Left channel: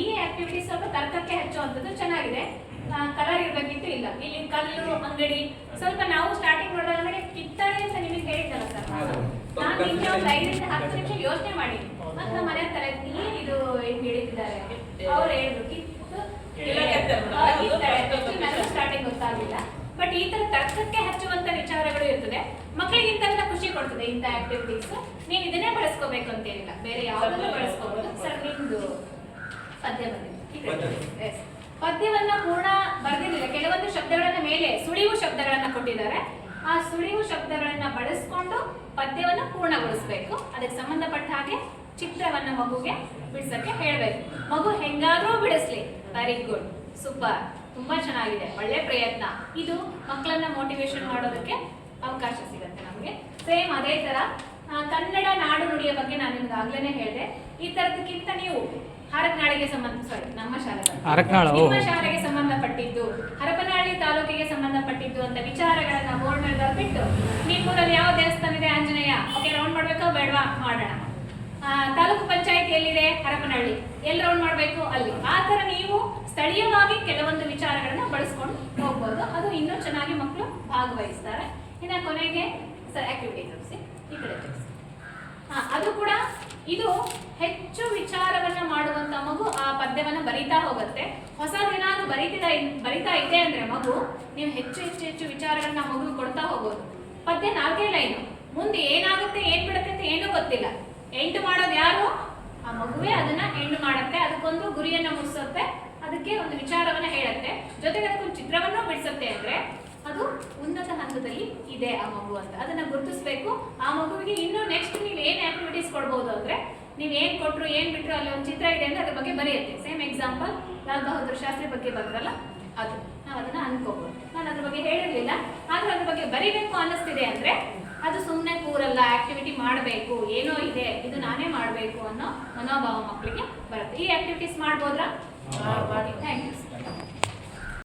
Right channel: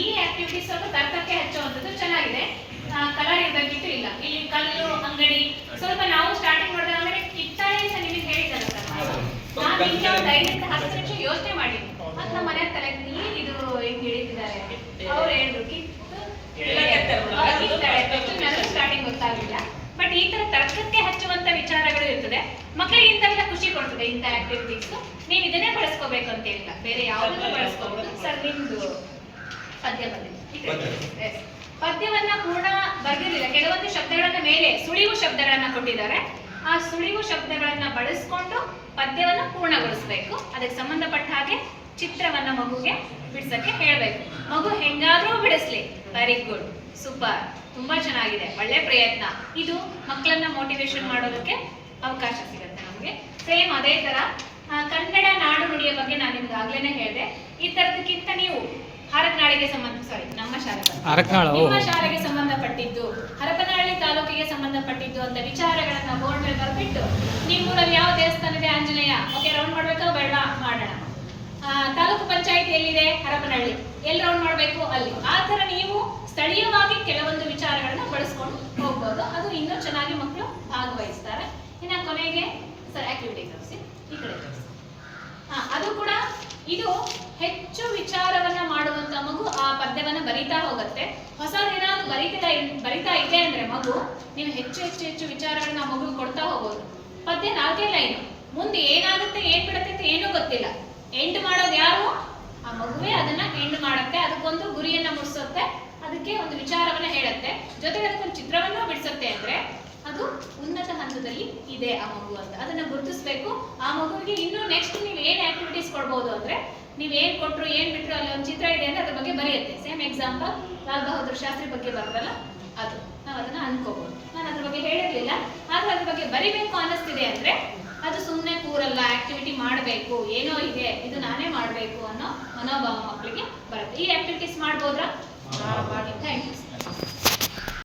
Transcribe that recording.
ಈ ಆಕ್ಟಿವಿಟೀಸ್ ಸ್ವಲ್ಪ ತರ್ಕಕ್ಕೆ ಹಚ್ಚುವಂಥದ್ದು ಚೆನ್ನಾಗಿದೆ. ಕಲರ್ ಇರಬೇಕಿತ್ತು, ಇಲ್ಲ ಇಲ್ಲಿ ಕಲ್ಲು ಅಂಗಡಿ ಸ್ವಲ್ಪ ನಾವು ಸ್ಟಾರ್ಟಿಂಗ್ ಮಾಡಿದಾಗ ಆಮೇಲೆ ಕಿತ್ತಾಳೆ ಅಂತ ನಿಮಗೆ ಹೇಳಿದ್ದಾರೆ ಸರ್. ನಾನು ಈಗ ಒಂದು 5 10 ನಿಮಿಷ ಯೋಚನೆ ಮಾಡಿ ಮತ್ತೆ ನಮ್ಮ ಮನೆ ತಲೆ ಇದು ಹಿಂಗೆ ಹೇಳಿದ್ದಾರೆ ಅವ್ರು ಹೇಳಿದ್ರು ಸ್ಟಾರ್ಟಿಂಗ್ ಗೊತ್ತಾಗಲಿಲ್ಲ. ಬಟ್ ಈ ತರ ತರ್ಕಕ್ಕೆ ಹಚ್ಚುವಂತ ವಿಚಾರಗಳು ಇರ್ತದೆ, ಮಕ್ಕಳಿಗೆ ಇಂಥವೆಲ್ಲ ಖುಷಿ ಕೊಡ್ತದೆ ಇಂಥ ಆಕ್ಟಿವಿಟೀಸ್. ನೀವು ಇದನ್ನೇ ಬಳಸ್ಕೋಬೇಕು ಅಂತ ಹೇಳಿಲ್ಲ, ಬೇರೆ ಯಾವುದನ್ನು ಬಳಸ್ಕೋಬಹುದು. ಸರ್ ನಿಮ್ದು ಪದ್ಯ ಬಂದಿದೆ, ಪದ್ಯವನ್ನ ಪೂರ್ಣ ಬರ್ದಿರಲಿಲ್ಲ, ಕೆಲವೊಂದು ಶಬ್ದಗಳನ್ನ ಮೇಲೆ ಸುಳಿವು ಶಬ್ದಗಳನ್ನ ಕೊಟ್ಟಿದ್ದಾರೆ. ಆ ಸುಳಿವು ಶಬ್ದಗಳನ್ನ ಬಳಸ್ಕೊಂಡು ಪದ್ಯವನ್ನ ಪೂರ್ಣಗೊಳಿಸಬೇಕು. ಅದಕ್ಕೆ ಸಂಬಂಧಪಟ್ಟ ಹಾಗೆ ಚಿತ್ರವನ್ನ ಮಗುಗೆ ಬಿಡಿಸಕ್ಕೆ ಹೇಳಬೇಕು. ಮಗು ಹೆಂಗಾದ್ರೂ ಬಿಡಿಸ್ಲಿ, ವೆರಿ ಗುಡ್, ಸೂಪರ್, ತುಂಬಾ ಚೆನ್ನಾಗಿದೆ, ಒಳ್ಳೆ ಪ್ರಯತ್ನ. ಇದು ಮಕ್ಕಳನ್ನ ಮೋಟಿವೇಶನ್ ಮಾಡೋದಕ್ಕೆ ಅವಕಾಶ ಸಿಗುತ್ತೆ ನಮಗೆ. ಸೇಮ್ ಅದೇ ತರ ಕನ್ನಡ ನಾಡು ನುಡಿಯ ಬಗ್ಗೆ ನಾನು ನಿಮ್ಗೆ ಆಗ್ಲೇನೆ ಹೇಳಿದೆ. ಈ ತರದಕ್ಕಿಂತ ನೀವು ಹರಪನಹಳ್ಳಿಗೆ ನಮ್ಮ ಶಾಲೆಗೆ ಸಂಬಂಧಪಟ್ಟಿದ್ದು, ಹರಪನಹಳ್ಳಿ ತಾಲೂಕಿಗೆ ಸಂಬಂಧಪಟ್ಟಿದ್ದು ಅಂತ ವಿಚಾರಗಳನ್ನ ಬೋರ್ಡ್ ಮೇಲೆ ಬರ್ಬಿಟ್ಟು ನಿಮ್ಮೂರಲ್ಲಿ ಯಾವ ದೇವಸ್ಥಾನ ಇದೆ, ಆಂಜನೇಯ, ಓಕೆ ರೌಂಡ್ ಮಾಡ್ಬೇಕಾ ಬೇಡವಾ, ಮಾಡೋಣ. ತಾಲೂಕು ಪಂಚಾಯತ್ ಎಲ್ಲಿದೆ, ಹರಪನಹಳ್ಳಿ, ಎಲ್ಲಿ ರೌಂಡ್ ಮಾಡಬೇಕು, ಅಲ್ಲಿ. ಆ ತರ ನೀವು ಸ್ಥಳೀಯವಾಗಿ ಕೆಲವೊಂದು ವಿಚಾರಗಳನ್ನ ಬಳಸ್ಕೊಂಡು ಹೋಗ್ಬೋದು. ಅದು ಇನ್ನೂ ಚೆನ್ನಾಗಿ ಮಕ್ಕಳು ಭಾಗವಹಿಸ್ತಾರೆ. ಇನ್ನು ಕೊನೆಗೆ ಸರ್ ಆಕ್ಟಿವಿಟಿ ತೋರಿಸಿ, ಈ ಕಡೆ ತೋರಿಸಿ. ಅದು ಕೂಡ ಇದು ಹೆಚ್ಚು ವಿಚಾರವನ್ನ ಮಾಡುವಂತ ಮಗು ಆ ಪದ್ಯವನ್ನ ಬರಿತಾ ಹೋಗುತ್ತೆ. ಹೊಸದೇನಾದ್ರು ಬರಿತಾ ಇದೆ ಅಂದ್ರೆ ಮಗು ನೀವು ಹೆಚ್ಚು ಹೆಚ್ಚು ಹೆಚ್ಚು ವಿಚಾರಗಳನ್ನ ಮಗು ಕೊಡ್ತಾ ಹೋಗೋದು. ಪದ್ಯ 4 ಲೈನು, ಮುಂದೆ ಏನಾಗುತ್ತೆ ಏನ್ ಬಿಡುತ್ತೆ ಅಂತ ಏನೂ ಗೊತ್ತಿಲ್ಲ. ಎಂಡ್ ಮಾಡೋದು ಯಾರು, ಆ ಮಗುವೇ ಅದನ್ನ ಎಂಡ್ ಮಾಡುತ್ತೆ. ಅದಕ್ಕೊಂದು ಗುರಿಯನ್ನ ಮುಟ್ಟಿಸುತ್ತೆ, ಅದಕ್ಕೆ ಒಂದು ವಿಚಾರವನ್ನ ಹೇಳುತ್ತೆ, ಜೊತೆಗೆ ಅದಕ್ಕೊಂದು ಚಿತ್ರವನ್ನ ಬಿಡಿಸುತ್ತೆ. ಅಂದ್ರೆ ಅದು ಉನ್ನತ ಹಂತದಲ್ಲಿ ಇದೆ ಆ ಮಗು ಅಂತ ಅದನ್ನ ಗುರುತಿಸ್ಬೇಕು. ಆ ಮಗುವಿಗೆ ಇನ್ನು ನೆಕ್ಸ್ಟ್ ನೀವು ಏನ್ ಆಕ್ಟಿವಿಟೀಸ್ ಕೊಡ್ಬೋದು ಅಂದ್ರೆ, ನೀವು ಏನ್ ಕೊಟ್ರು ಏನ್ ಬಿಟ್ರು ಅಲ್ಲಿ ಒಂದು ಚಿತ್ರ ಇದೆ ಅಂದ್ರೆ ಅದ್ರ ಬಗ್ಗೆ ಬರೆಯುತ್ತೆ. ಸೇಮ್ ಎಕ್ಸಾಂಪಲ್ ಲಾಲ್ ಬಹದ್ದೂರ್ ಶಾಸ್ತ್ರಿ ಬಗ್ಗೆ ಬರ್ತಲ್ಲ, ಅದು ನಾವು ಅದನ್ನ ಅನ್ಕೋಬಹುದು. ನಾನು ಅದ್ರ ಬಗ್ಗೆ ಹೇಳಿರ್ಲಿಲ್ಲ, ಆದ್ರೆ ಅದ್ರ ಬಗ್ಗೆ ಬರಿಬೇಕು ಅನ್ನಿಸ್ತಿದೆ ಅಂದ್ರೆ ಅದು ಸುಮ್ಮನೆ ಕೂರಲ್ಲ, ಆಕ್ಟಿವಿಟಿ ಮಾಡಬೇಕು, ಏನೋ ಇದೆ ಇದು ನಾನೇ ಮಾಡಬೇಕು ಅನ್ನೋ ಮನೋಭಾವ ಮಕ್ಕಳಿಗೆ ಬರುತ್ತೆ. ಈ ಆಕ್ಟಿವಿಟೀಸ್ ಮಾಡ್ಬೋದ್ರಾ? Thank you.